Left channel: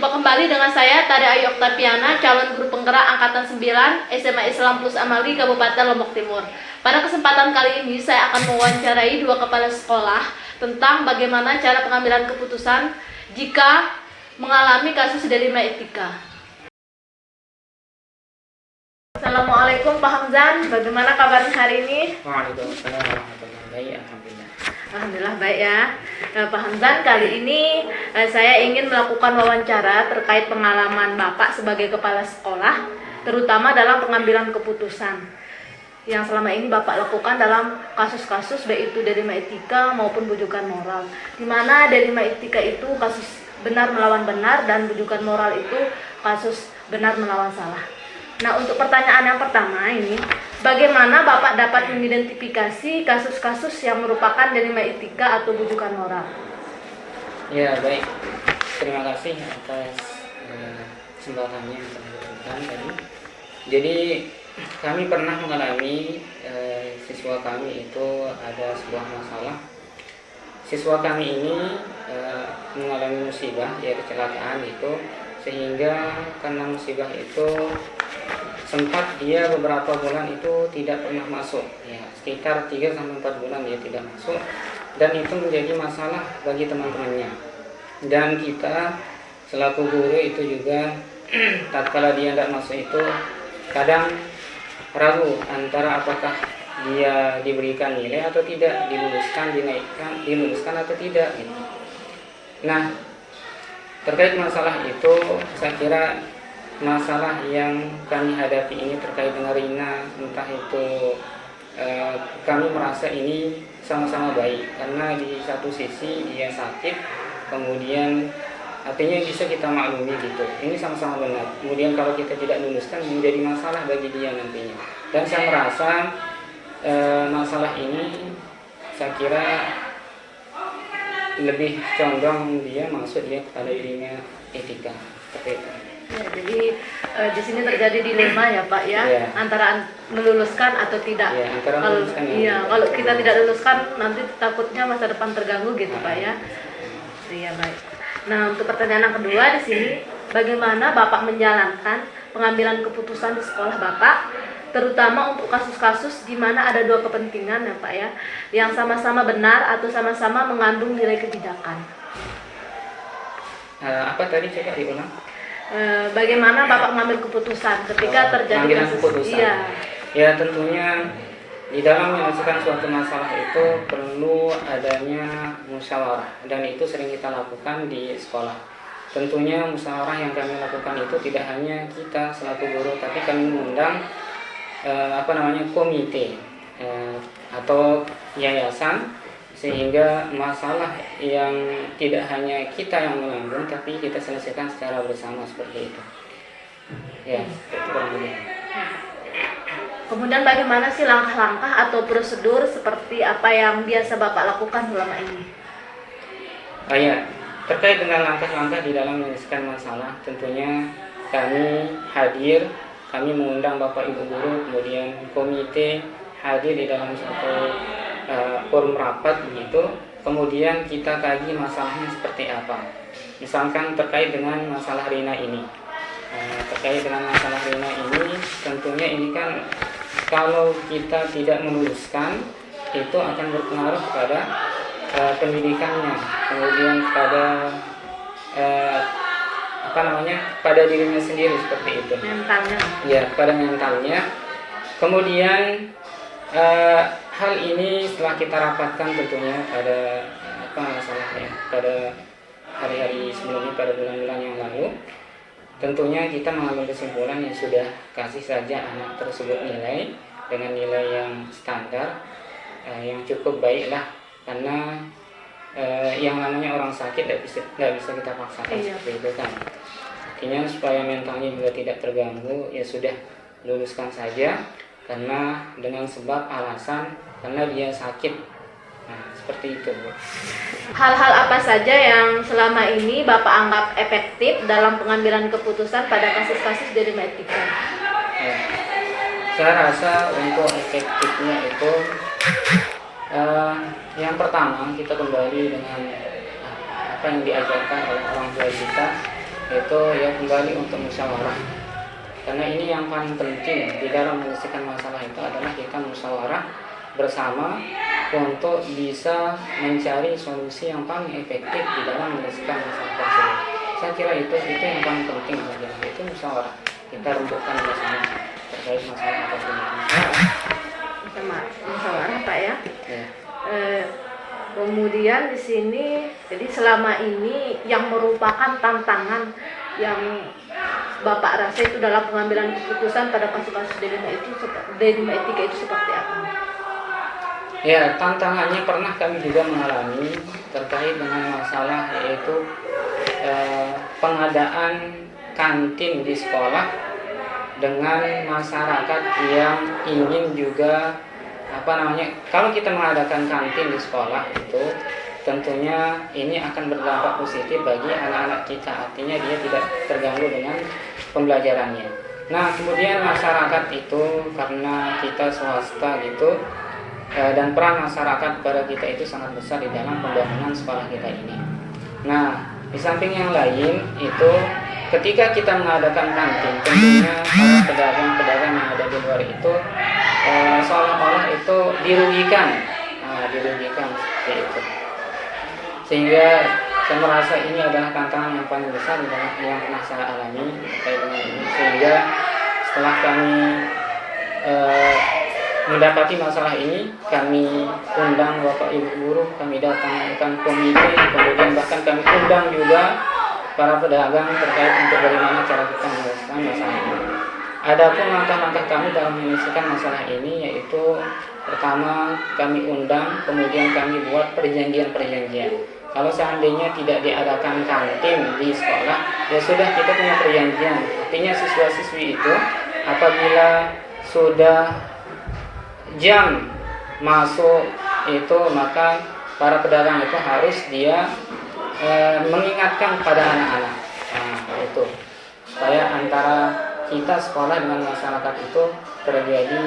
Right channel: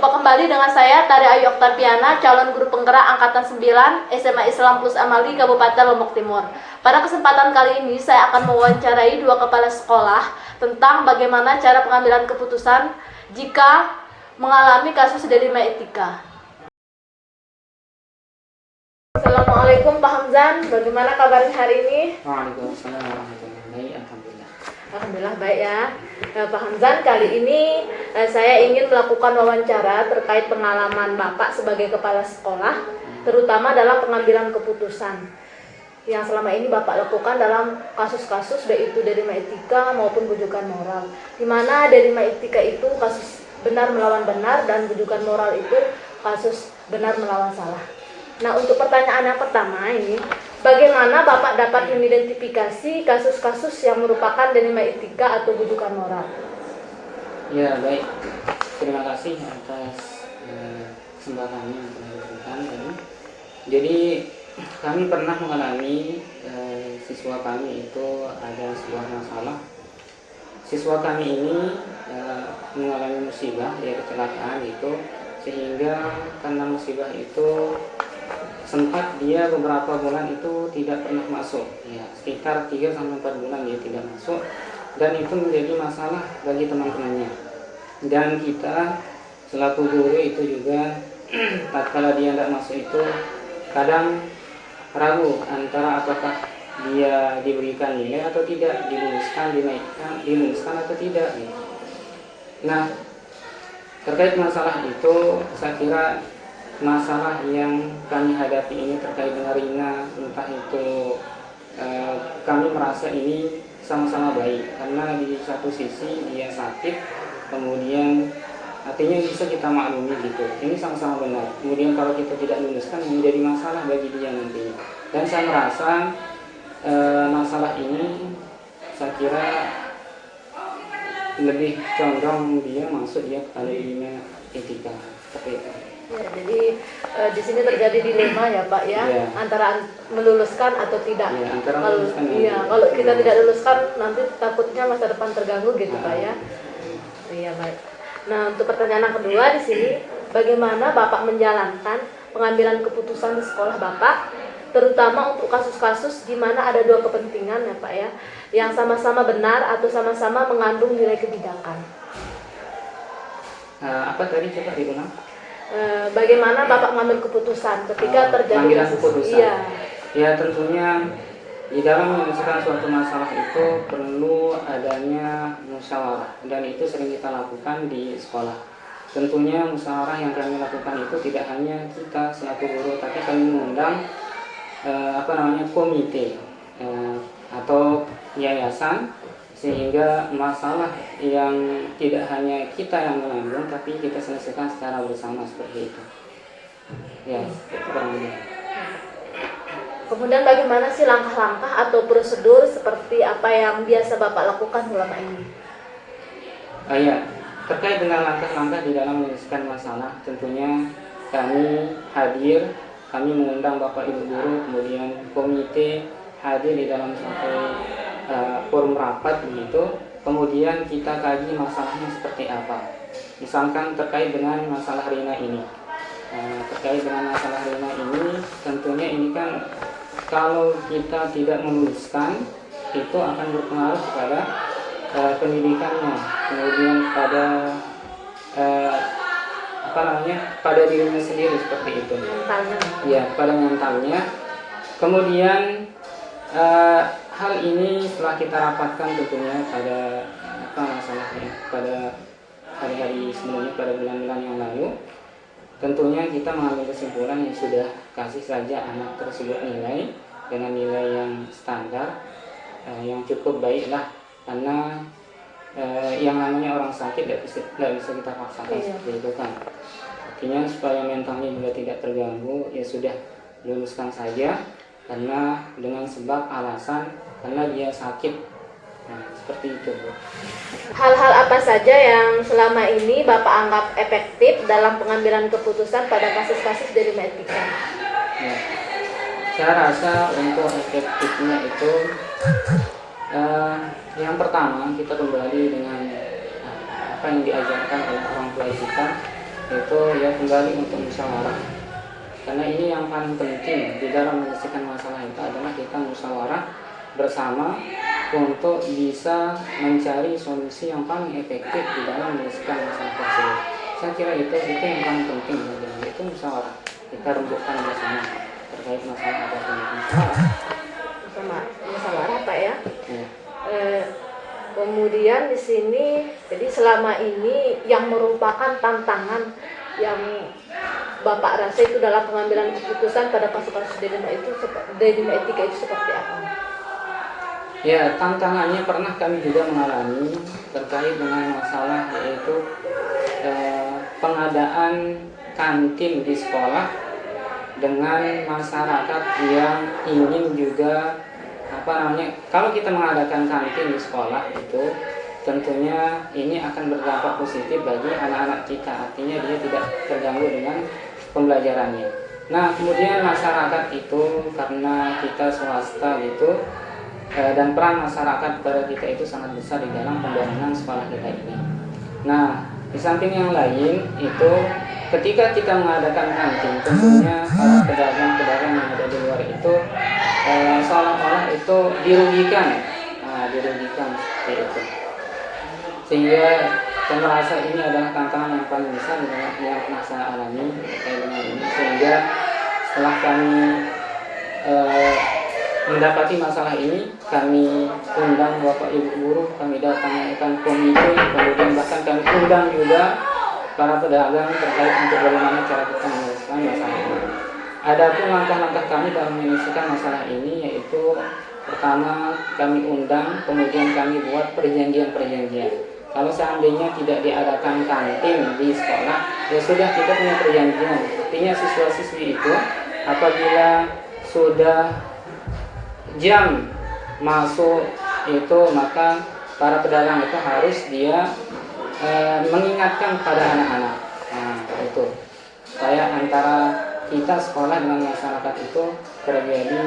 Jumpa kembali dengan saya Tari Ayu Oktaviana, calon guru penggerak angkatan 9 SMA Islam Plus Amali Kabupaten Lombok Timur. Pada kesempatan kali ini saya akan mewawancarai dua kepala sekolah tentang bagaimana cara pengambilan keputusan jika mengalami kasus dilema etika. Assalamualaikum Pak Hamzan, bagaimana kabarnya hari ini? Waalaikumsalam warahmatullahi wabarakatuh. Alhamdulillah. Alhamdulillah baik ya. Nah, Pak Hamzan, kali ini saya ingin melakukan wawancara terkait pengalaman Bapak sebagai kepala sekolah, terutama dalam pengambilan keputusan yang selama ini Bapak lakukan dalam kasus-kasus baik itu dilema etika maupun bujukan moral. Di mana dilema etika itu kasus benar melawan benar dan bujukan moral itu kasus benar melawan salah. Nah, untuk pertanyaan yang pertama ini, bagaimana Bapak dapat mengidentifikasi kasus-kasus yang merupakan dilema etika atau bujukan moral? Ya, baik. Terima kasih atas kesempatannya yang telah diberikan tadi. Jadi, kami pernah mengalami siswa kami itu ada sebuah masalah. Siswa kami ini mengalami musibah, yaitu kecelakaan itu, sehingga karena musibah itu sempat dia beberapa bulan itu tidak pernah masuk, ya sekitar 3-4 bulan dia tidak masuk, dan itu menjadi masalah bagi teman-temannya. Dan kita selaku guru itu juga tatkala dia tidak masuk itu kadang ragu antara apakah dia diberikan nilai atau tidak, diluluskan atau tidak gitu. Nah, terkait masalah itu saya kira masalah yang kami hadapi ini terkait dengan Rina, entah itu kami merasa ini sama-sama baik karena di satu sisi dia sakit, kemudian artinya bisa kita maklumi gitu, ini sama-sama benar. Kemudian kalau kita tidak luluskan menjadi masalah bagi dia nantinya. Dan saya merasa masalah ini saya kira lebih condong dia masuk dia kepada ilmu etika seperti itu. Ya, jadi di sini terjadi dilema ya Pak ya, antara meluluskan atau tidak. Ya, antara meluluskan kalau kita tidak luluskan nanti takutnya masa depan terganggu gitu Pak ya. Iya baik. Nah, untuk pertanyaan yang kedua di sini, bagaimana Bapak menjalankan pengambilan keputusan di sekolah Bapak, terutama untuk kasus-kasus di mana ada dua kepentingan ya Pak ya, yang sama-sama benar atau sama-sama mengandung nilai kebijakan. Apa tadi coba diulang? Bagaimana Bapak mengambil keputusan ketika terjadi pengambilan kasus? keputusan. Iya. Ya, tentunya di dalam menyelesaikan suatu masalah itu perlu adanya musyawarah, dan itu sering kita lakukan di sekolah. Tentunya musyawarah yang kami lakukan itu tidak hanya kita selaku guru, tapi kami mengundang komite atau yayasan, sehingga masalah yang tidak hanya kita yang menanggung tapi kita selesaikan secara bersama seperti itu. Ya, itu kurang lebih. Kemudian bagaimana sih langkah-langkah atau prosedur seperti apa yang biasa Bapak lakukan selama ini? Ya, terkait dengan langkah-langkah di dalam menyelesaikan masalah, tentunya kami hadir, kami mengundang Bapak Ibu guru, kemudian komite hadir di dalam satu forum rapat begitu, kemudian kita kaji masalahnya seperti apa. Misalkan terkait dengan masalah Rina ini. Terkait dengan masalah Rina ini, tentunya ini kan kalau kita tidak meluluskan itu akan berpengaruh kepada pendidikannya, kemudian kepada pada dirinya sendiri seperti itu. Mentalnya. Ya, pada mentalnya. Kemudian hal ini setelah kita rapatkan tentunya pada pada hari-hari sebelumnya, pada bulan-bulan yang lalu, tentunya kita mengambil kesimpulan yang sudah kasih saja anak tersebut nilai dengan nilai yang standar, yang cukup baik lah, karena yang namanya orang sakit tidak bisa kita paksakan seperti itu kan. Artinya supaya mentalnya juga tidak terganggu, ya sudah luluskan saja, karena dengan sebab alasan karena dia sakit. Nah, seperti itu, Bu. Hal-hal apa saja yang selama ini Bapak anggap efektif dalam pengambilan keputusan pada kasus-kasus dilema etika? Ya. Saya rasa untuk efektifnya itu yang pertama kita kembali dengan apa yang diajarkan oleh orang tua kita, itu ya kembali untuk musyawarah. Karena ini yang paling penting di dalam menyelesaikan masalah itu adalah kita musyawarah bersama untuk bisa mencari solusi yang paling efektif di dalam menyelesaikan masalah tersebut. Saya kira itu yang paling penting, itu musyawarah. Kita rundukkan bersama terkait masalah apapun itu. Musyawarah Pak ya. Ya. Kemudian di sini, jadi selama ini yang merupakan tantangan yang Bapak rasa itu dalam pengambilan keputusan pada kasus-kasus dedima etika itu seperti apa? Ya, tantangannya pernah kami juga mengalami terkait dengan masalah yaitu pengadaan kantin di sekolah dengan masyarakat yang ingin juga kalau kita mengadakan kantin di sekolah itu tentunya ini akan berdampak positif bagi anak-anak kita, artinya dia tidak terganggu dengan pembelajarannya. Nah, kemudian masyarakat itu karena kita swasta gitu, dan peran masyarakat pada kita itu sangat besar di dalam pembangunan sekolah kita ini. Nah, di samping yang lain itu ketika kita mengadakan kantin, tentunya para pedagang-pedagang yang ada di luar itu seolah-olah itu dirugikan seperti itu. Sehingga saya merasa ini adalah tantangan yang paling besar yang pernah saya alami terkait dengan ini. Sehingga setelah kami mendapati masalah ini, kami undang Bapak Ibu guru, kami datangkan komite, kemudian bahkan kami undang juga para pedagang terkait untuk bagaimana cara kita menyelesaikan masalah ini. Adapun langkah-langkah kami dalam menyelesaikan masalah ini yaitu pertama kami undang, kemudian kami buat perjanjian-perjanjian. Kalau seandainya tidak diadakan kantin di sekolah, ya sudah kita punya perjanjian. Artinya siswa-siswi itu apabila sudah jam masuk itu, maka para pedagang itu harus dia mengingatkan pada anak-anak. Nah, itu supaya antara kita sekolah dengan masyarakat itu terjadi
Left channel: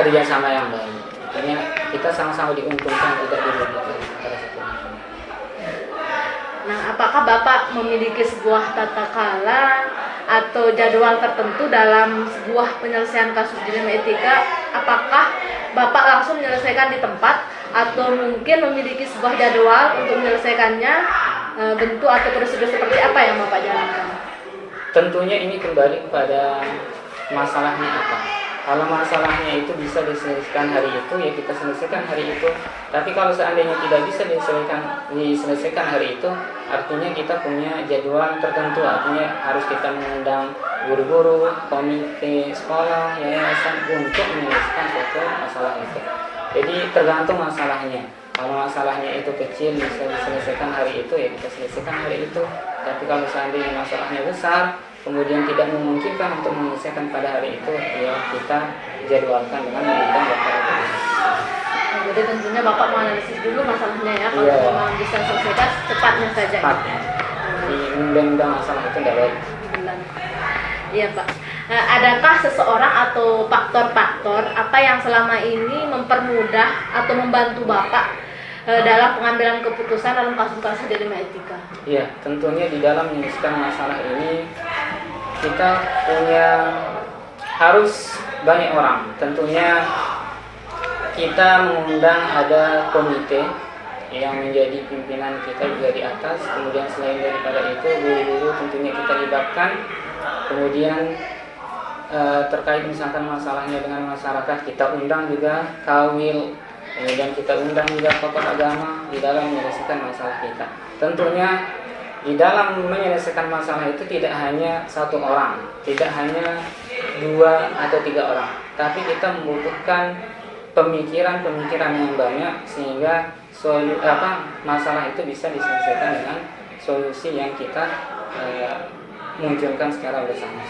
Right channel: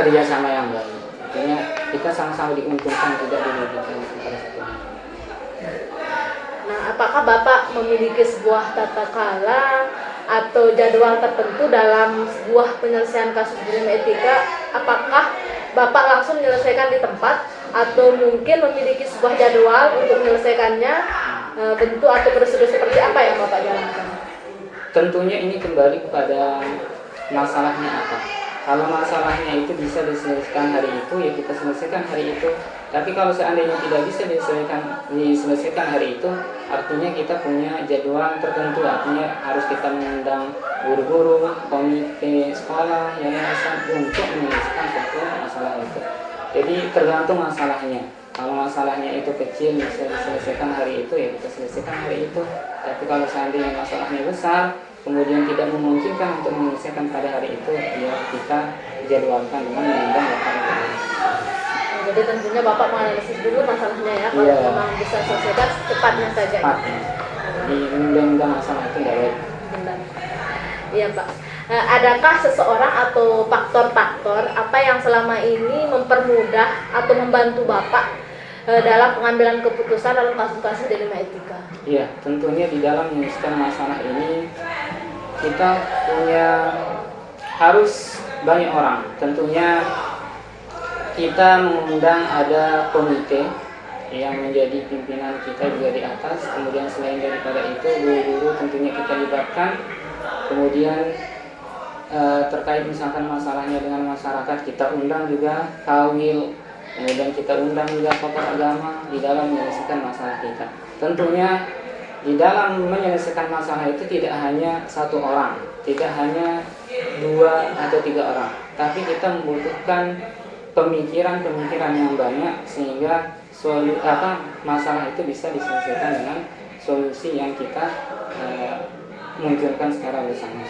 kerjasama yang baik. Artinya kita sama-sama diuntungkan, tidak dirugikan antara satu dan lain. Nah, apakah Bapak memiliki sebuah tata kelola atau jadwal tertentu dalam sebuah penyelesaian kasus dilema etika? Apakah Bapak langsung menyelesaikan di tempat atau mungkin memiliki sebuah jadwal untuk menyelesaikannya, bentuk atau prosedur seperti apa yang Bapak jalankan? Tentunya ini kembali kepada masalahnya apa. Kalau masalahnya itu bisa diselesaikan hari itu, ya kita selesaikan hari itu. Tapi kalau seandainya tidak bisa diselesaikan hari itu, artinya kita punya jadwal tertentu. Artinya harus kita mengundang guru-guru, komite sekolah, yayasan untuk menyelesaikan suatu masalah itu. Jadi tergantung masalahnya. Kalau masalahnya itu kecil bisa diselesaikan hari itu, ya kita selesaikan hari itu. Tapi kalau seandainya masalahnya besar, kemudian tidak memungkinkan untuk menyelesaikan pada hari itu, ya kita jadwalkan dengan mengundang Bapak Ibu. Jadi tentunya Bapak menganalisis dulu masalahnya ya, kalau memang bisa selesaikan cepatnya saja. Cepatnya. Mengundang masalah itu tidak baik. Benar. Iya Pak. Nah, adakah seseorang atau faktor-faktor apa yang selama ini mempermudah atau membantu Bapak dalam pengambilan keputusan dalam kasus-kasus dilema etika? Iya, tentunya di dalam menyelesaikan masalah ini kita harus banyak orang. Tentunya kita mengundang ada komite yang menjadi pimpinan kita juga di atas. Kemudian selain daripada itu, guru-guru tentunya kita libatkan. Kemudian terkait misalkan masalahnya dengan masyarakat, kita undang juga kawil. Kemudian kita undang juga tokoh agama di dalam menyelesaikan masalah kita. Tentunya di dalam menyelesaikan masalah itu tidak hanya satu orang, tidak hanya 2 atau 3 orang, tapi kita membutuhkan pemikiran-pemikiran yang banyak sehingga masalah itu bisa diselesaikan dengan solusi yang kita munculkan secara bersama.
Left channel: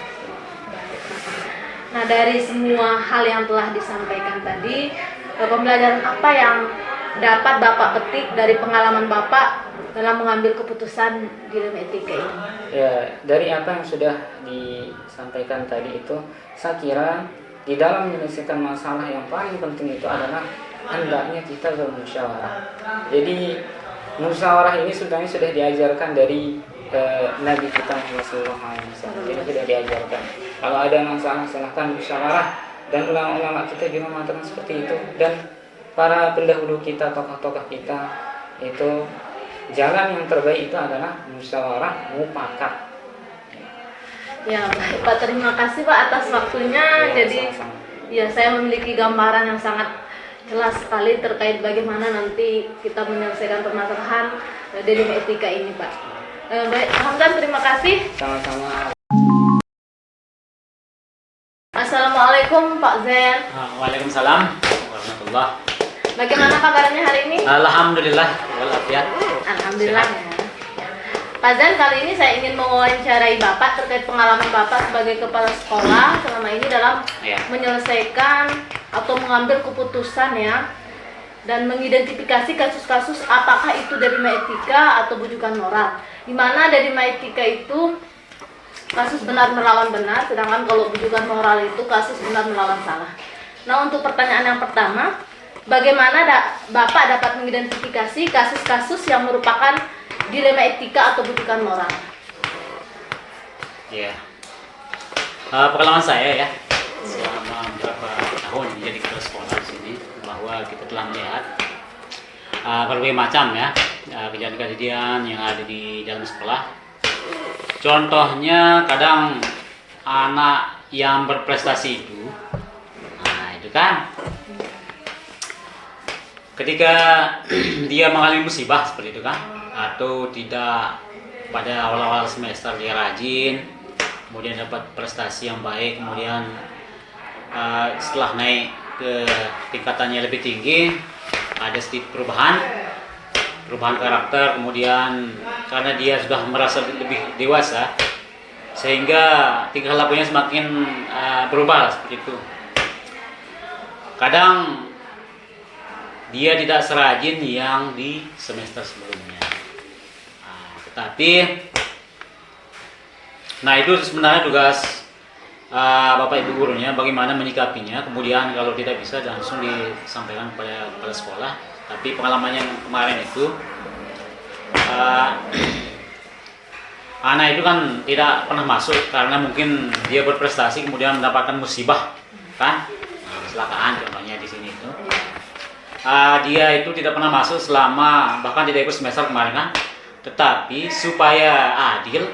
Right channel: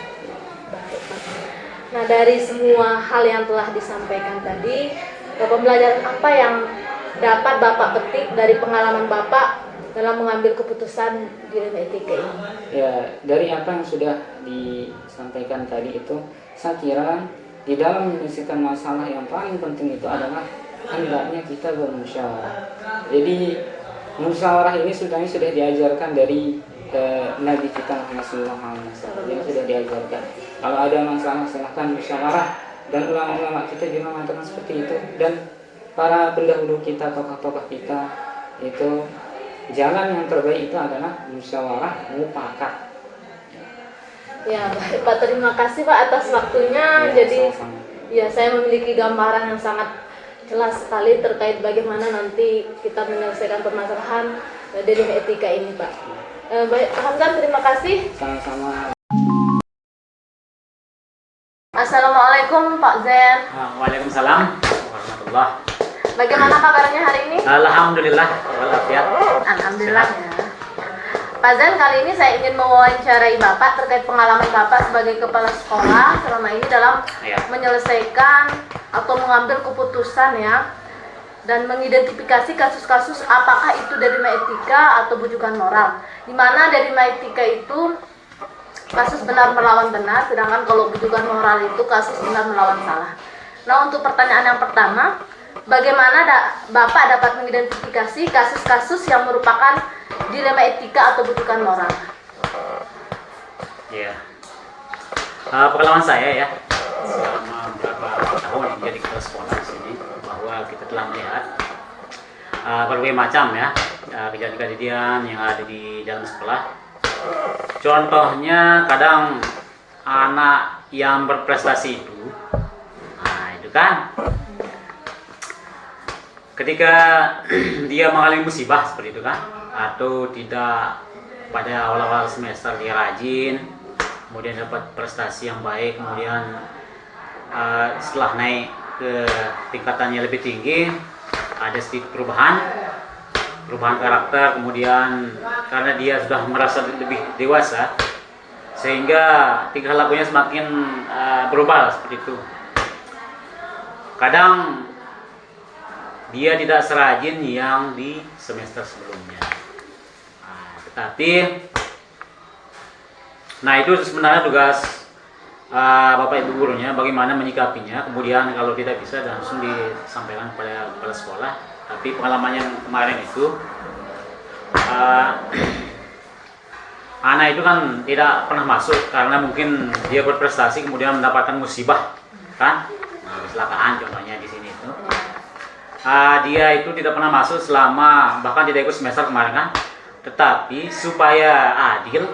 Nah, dari semua hal yang telah disampaikan tadi, pembelajaran apa yang dapat Bapak petik dari pengalaman Bapak dalam mengambil keputusan dilema etika ini? Ya, dari apa yang sudah disampaikan tadi itu, saya kira di dalam menyelesaikan masalah yang paling penting itu adalah hendaknya kita bermusyawarah. Jadi musyawarah ini sudah diajarkan dari Nabi kita Muhammad SAW yang sudah diajarkan. Kalau ada masalah silahkan musyawarah, dan ulama-ulama kita juga mengatakan seperti itu, dan para pendahulu kita, tokoh-tokoh kita itu jalan yang terbaik itu adalah musyawarah mufakat. Ya, baik Pak, terima kasih Pak atas waktunya. Ya, Jadi sama-sama. ya, saya memiliki gambaran yang sangat jelas sekali terkait bagaimana nanti kita menyelesaikan permasalahan dalam etika ini, Pak. Baik, Pak Hamdan, terima kasih. Sama-sama. Assalamualaikum Pak Zen. Waalaikumsalam warahmatullah. Bagaimana kabarnya hari ini? Alhamdulillah walafiat. Alhamdulillah. Pak Zen, kali ini saya ingin mewawancarai Bapak terkait pengalaman Bapak sebagai kepala sekolah selama ini dalam Ya. menyelesaikan atau mengambil keputusan ya, dan mengidentifikasi kasus-kasus apakah itu derima etika atau bujukan moral. Di mana derima etika itu kasus benar melawan benar, sedangkan kalau bujukan moral itu kasus benar melawan salah. Nah, untuk pertanyaan yang pertama, bagaimana Bapak dapat mengidentifikasi kasus-kasus yang merupakan dilema etika atau bujukan moral? Ya. Pengalaman saya ya selama beberapa tahun menjadi kepala sekolah di sini, bahwa kita telah melihat berbagai macam ya kejadian-kejadian yang ada di dalam sekolah. Contohnya kadang anak yang berprestasi itu, nah itu kan ketika dia mengalami musibah seperti itu kan, atau tidak pada awal-awal semester dia rajin, kemudian dapat prestasi yang baik, kemudian setelah naik ke tingkatannya lebih tinggi ada sedikit perubahan karakter, kemudian karena dia sudah merasa lebih dewasa sehingga tingkah lakunya semakin berubah seperti itu. Kadang dia tidak serajin yang di semester sebelumnya. Nah itu sebenarnya tugas Bapak Ibu gurunya bagaimana menyikapinya. Kemudian kalau tidak bisa langsung disampaikan kepada kepala sekolah. Tapi pengalamannya yang kemarin itu anak itu kan tidak pernah masuk karena mungkin dia berprestasi kemudian mendapatkan musibah kan, kecelakaan contohnya di sini itu. Dia itu tidak pernah masuk selama, bahkan tidak ikut semester kemarin kan. Tetapi supaya adil,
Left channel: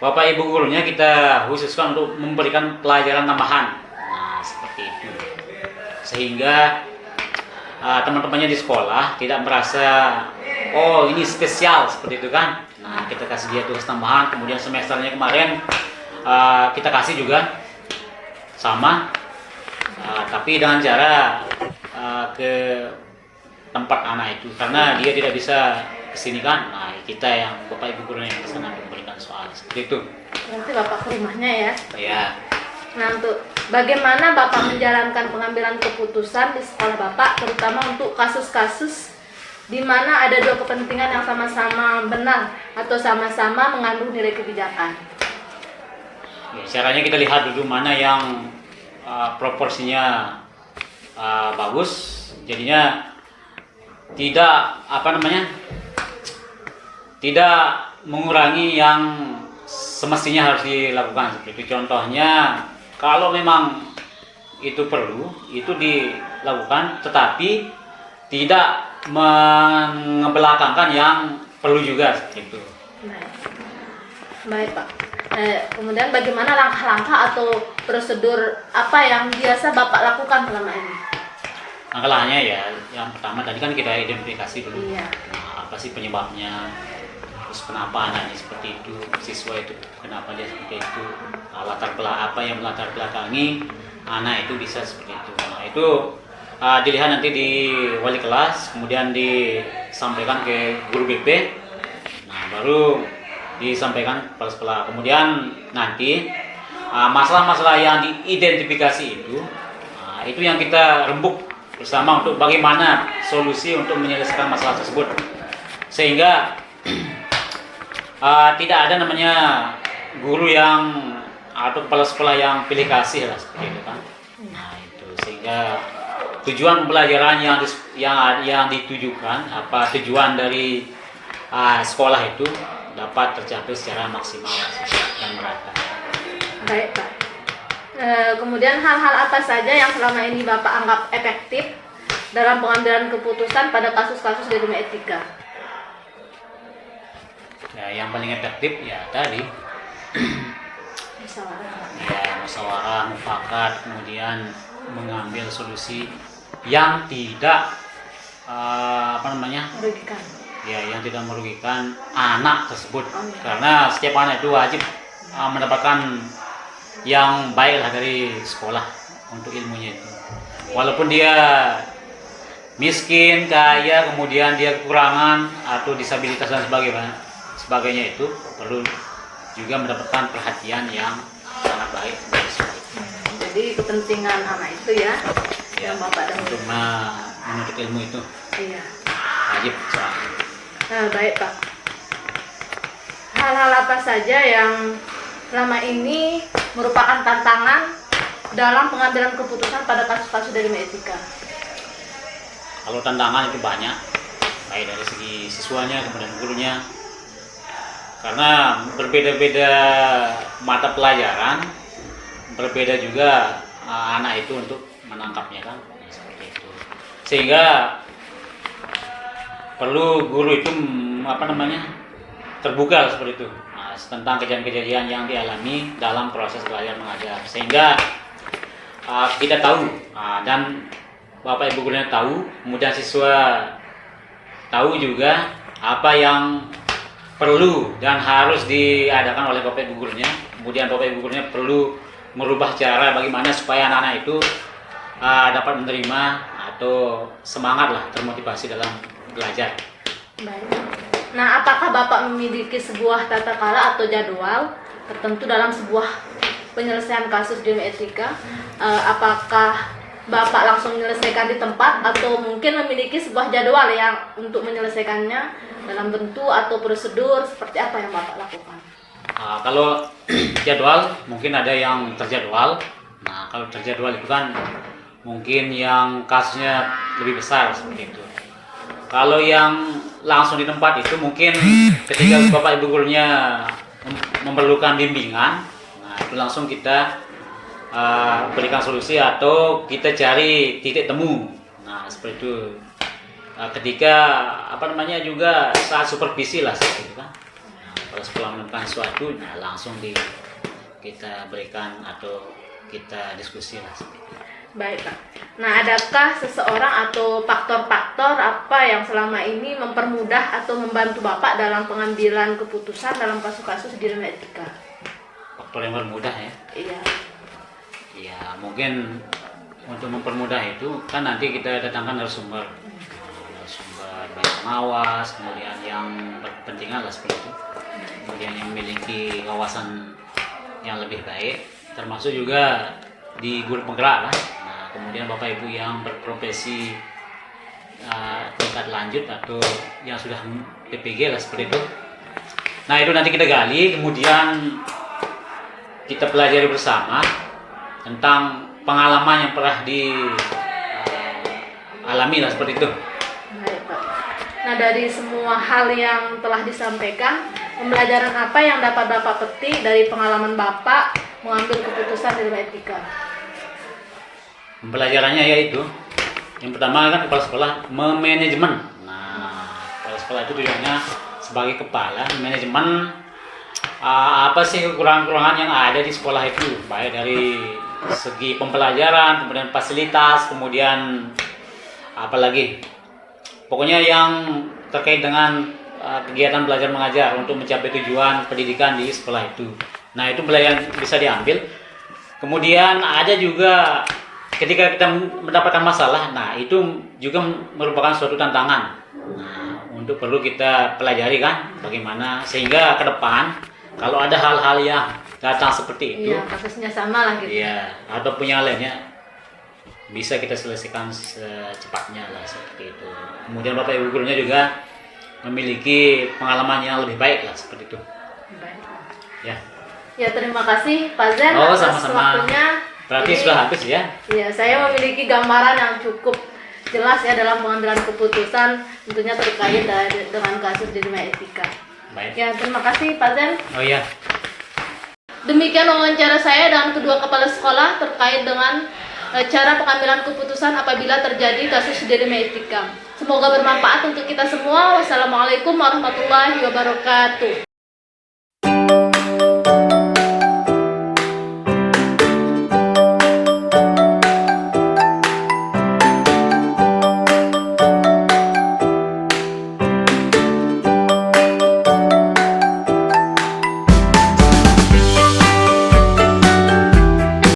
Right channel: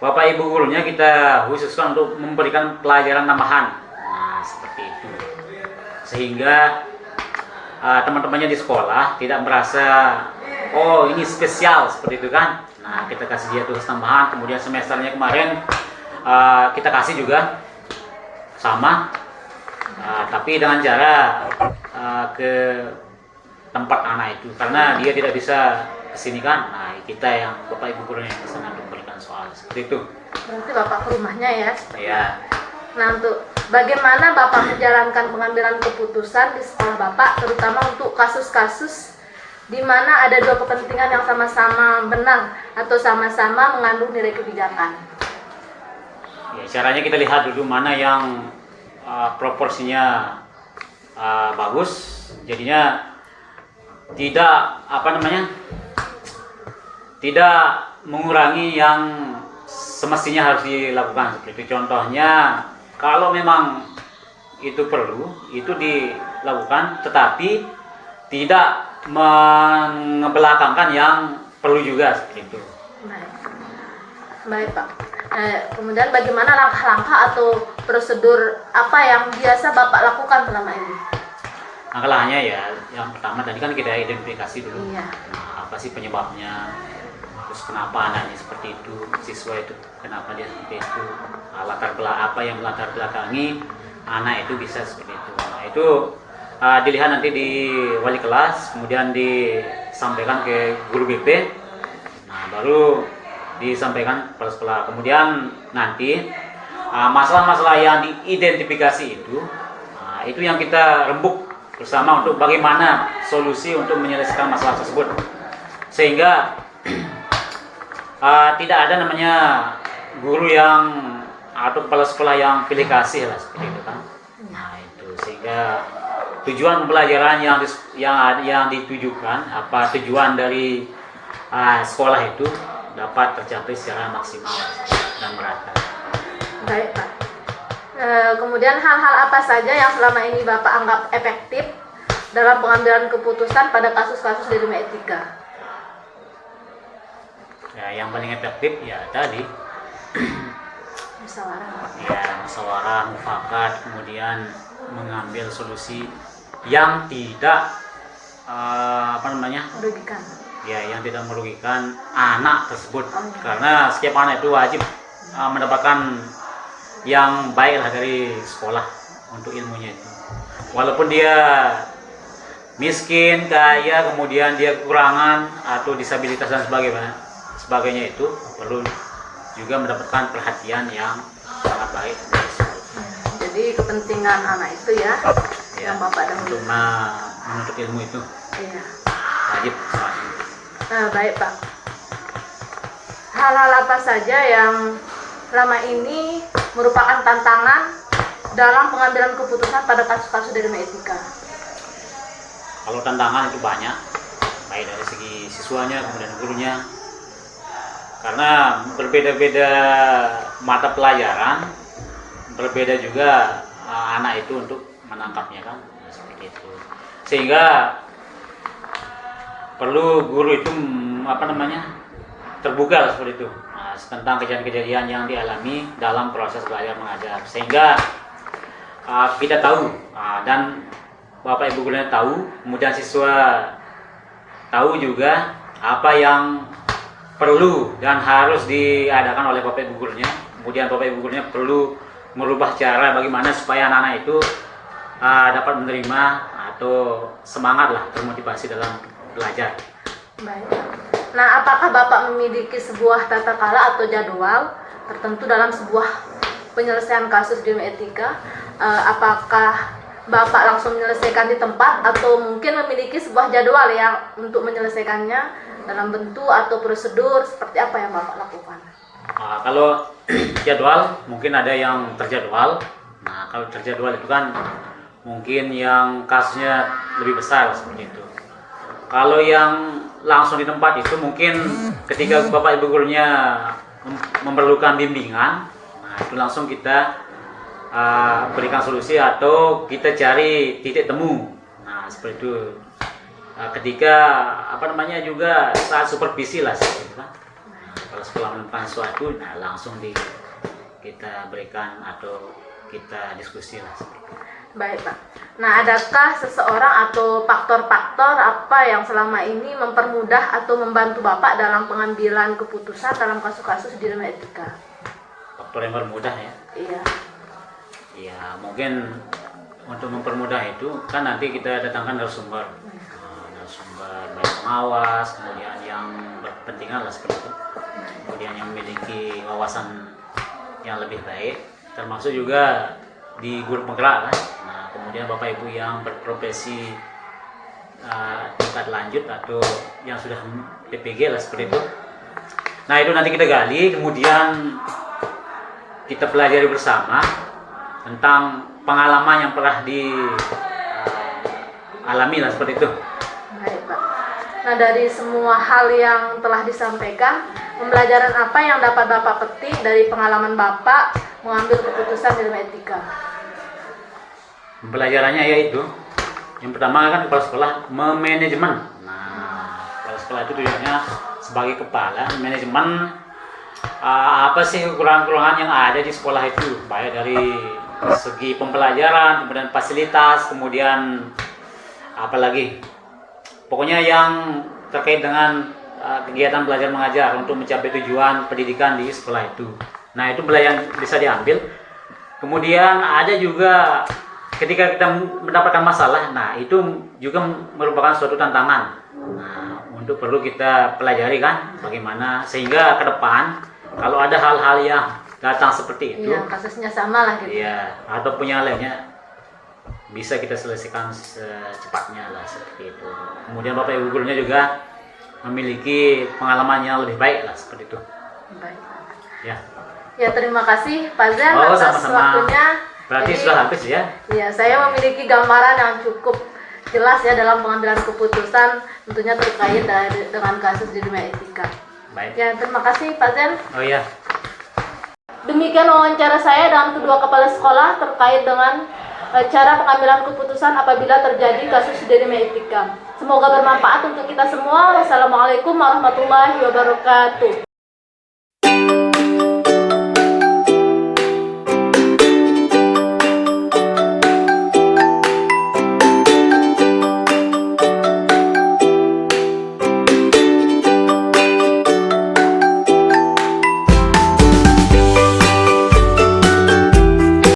Bapak Ibu gurunya kita khususkan untuk memberikan pelajaran tambahan. Nah, seperti itu. Sehingga teman-temannya di sekolah tidak merasa oh ini spesial seperti itu kan. Nah, kita kasih dia tugas tambahan, kemudian semesternya kemarin kita kasih juga sama, tapi dengan cara ke tempat anak itu karena dia tidak bisa kesini kan. Nah, kita yang Bapak Ibu guru yang kesana memberikan soal seperti itu. Berarti Bapak ke rumahnya ya? Ya. Nah, untuk bagaimana Bapak menjalankan pengambilan keputusan di sekolah Bapak, terutama untuk kasus-kasus di mana ada dua kepentingan yang sama-sama benar atau sama-sama mengandung nilai kebijakan? Ya, caranya kita lihat dulu mana yang proporsinya bagus, jadinya tidak mengurangi yang semestinya harus dilakukan seperti itu. Contohnya kalau memang itu perlu, itu dilakukan, tetapi tidak mengebelakangkan yang perlu juga seperti itu. Baik Pak. Kemudian bagaimana langkah-langkah atau prosedur apa yang biasa Bapak lakukan selama ini? Langkah-langkahnya ya, yang pertama tadi kan kita identifikasi dulu. Iya. Nah, apa sih penyebabnya? Terus kenapa anaknya seperti itu, siswa itu kenapa dia seperti itu, apa yang melatar belakangi anak itu bisa seperti itu. Nah itu dilihat nanti di wali kelas, kemudian disampaikan ke guru BP, nah baru disampaikan kepala sekolah. Kemudian nanti masalah-masalah yang diidentifikasi itu yang kita rembuk bersama untuk bagaimana solusi untuk menyelesaikan masalah tersebut, sehingga tidak ada namanya guru yang atau kepala sekolah yang pilih kasih lah seperti itu kan. Nah itu sehingga tujuan pembelajaran yang ditujukan, apa tujuan dari sekolah itu dapat tercapai secara maksimal dan merata. Baik, Pak. Kemudian hal-hal apa saja yang selama ini Bapak anggap efektif dalam pengambilan keputusan pada kasus-kasus di dunia etika? Ya, yang paling efektif ya tadi Musyawarah. ya musyawarah mufakat, kemudian mengambil solusi yang tidak Merugikan. ya yang tidak merugikan anak tersebut, karena setiap anak itu wajib mendapatkan yang baik lah dari sekolah untuk ilmunya itu, walaupun dia miskin, kaya, kemudian dia kekurangan atau disabilitas dan sebagainya itu perlu juga mendapatkan perhatian yang sangat baik dari sekolah. Jadi kepentingan anak itu ya, yang Bapak untuk dahulu. menuntut ilmu itu Iya. wajib soalnya. Baik, Pak. Hal-hal apa saja yang selama ini merupakan tantangan dalam pengambilan keputusan pada kasus-kasus di dunia etika? Kalau tantangan itu banyak, baik dari segi siswanya kemudian gurunya, karena berbeda-beda mata pelajaran, berbeda juga anak itu untuk menangkapnya kan, ya, seperti itu. Sehingga perlu guru itu terbuka lah seperti itu, tentang kejadian-kejadian yang dialami dalam proses belajar mengajar, sehingga kita tahu dan Bapak Ibu gurunya tahu, kemudian siswa tahu juga apa yang perlu dan harus diadakan oleh Bapak Ibu gurunya. Kemudian Bapak Ibu gurunya perlu merubah cara bagaimana supaya anak-anak itu dapat menerima atau semangat lah, termotivasi dalam belajar. Baik. Nah, apakah Bapak memiliki sebuah tata cara atau jadwal tertentu dalam sebuah penyelesaian kasus di dunia etika? Apakah Bapak langsung menyelesaikan di tempat atau mungkin memiliki sebuah jadwal yang untuk menyelesaikannya dalam bentuk atau prosedur seperti apa yang Bapak lakukan? Kalau jadwal mungkin ada yang terjadwal. Nah, kalau terjadwal itu kan mungkin yang kasusnya lebih besar seperti itu. Kalau yang langsung di tempat itu mungkin ketika Bapak Ibu gurunya memerlukan bimbingan, nah itu langsung kita berikan solusi atau kita cari titik temu. Nah seperti itu. Ketika juga saat supervisi lah seperti itu kan. Kalau sekolah menemukan sesuatu, nah langsung kita berikan atau kita diskusi lah. Baik, Pak. Nah, adakah seseorang atau faktor-faktor apa yang selama ini mempermudah atau membantu Bapak dalam pengambilan keputusan dalam kasus-kasus di dunia etika? Faktor yang mempermudah ya? Iya. Ya mungkin untuk mempermudah itu kan nanti kita datangkan narasumber baik pengawas, kemudian yang berkepentingan lah seperti itu, kemudian yang memiliki wawasan yang lebih baik, termasuk juga di guru penggerak kan. Nah kemudian Bapak Ibu yang berprofesi tingkat lanjut atau yang sudah PPG lah seperti itu. Nah itu nanti kita gali, kemudian kita pelajari bersama tentang pengalaman yang pernah dialami lah seperti itu. Baik, Pak. Nah, dari semua hal yang telah disampaikan, pembelajaran apa yang dapat Bapak petik dari pengalaman Bapak mengambil keputusan di dalam etika? Pembelajarannya yaitu yang pertama kan kepala sekolah memanajemen. Nah, kepala sekolah itu tujuannya sebagai kepala manajemen apa sih kekurangan-kekurangan yang ada di sekolah itu, baik dari segi pembelajaran, kemudian fasilitas, kemudian apalagi pokoknya yang terkait dengan kegiatan belajar mengajar untuk mencapai tujuan pendidikan di sekolah itu. Nah itu pelajaran bisa diambil. Kemudian ada juga ketika kita mendapatkan masalah, nah itu juga merupakan suatu tantangan. Nah untuk perlu kita pelajari kan bagaimana sehingga ke depan kalau ada hal-hal yang datang seperti itu, kasusnya sama lah gitu. Iya, ataupun yang lainnya bisa kita selesaikan secepatnya lah seperti itu. Kemudian Bapak Ibu gurunya juga memiliki pengalaman yang lebih baik lah seperti itu. Baik. Ya. Ya terima kasih Pak Zen Oh atas sama-sama. waktunya. Berarti Jadi, sudah habis ya? Iya, saya memiliki gambaran yang cukup jelas ya dalam pengambilan keputusan tentunya terkait dengan kasus di dunia etika. Baik. Ya, terima kasih Pak Zen. Oh iya. Demikian wawancara saya dengan kedua kepala sekolah terkait dengan cara pengambilan keputusan apabila terjadi kasus di dunia etika. Semoga bermanfaat untuk kita semua. Wassalamualaikum warahmatullahi wabarakatuh.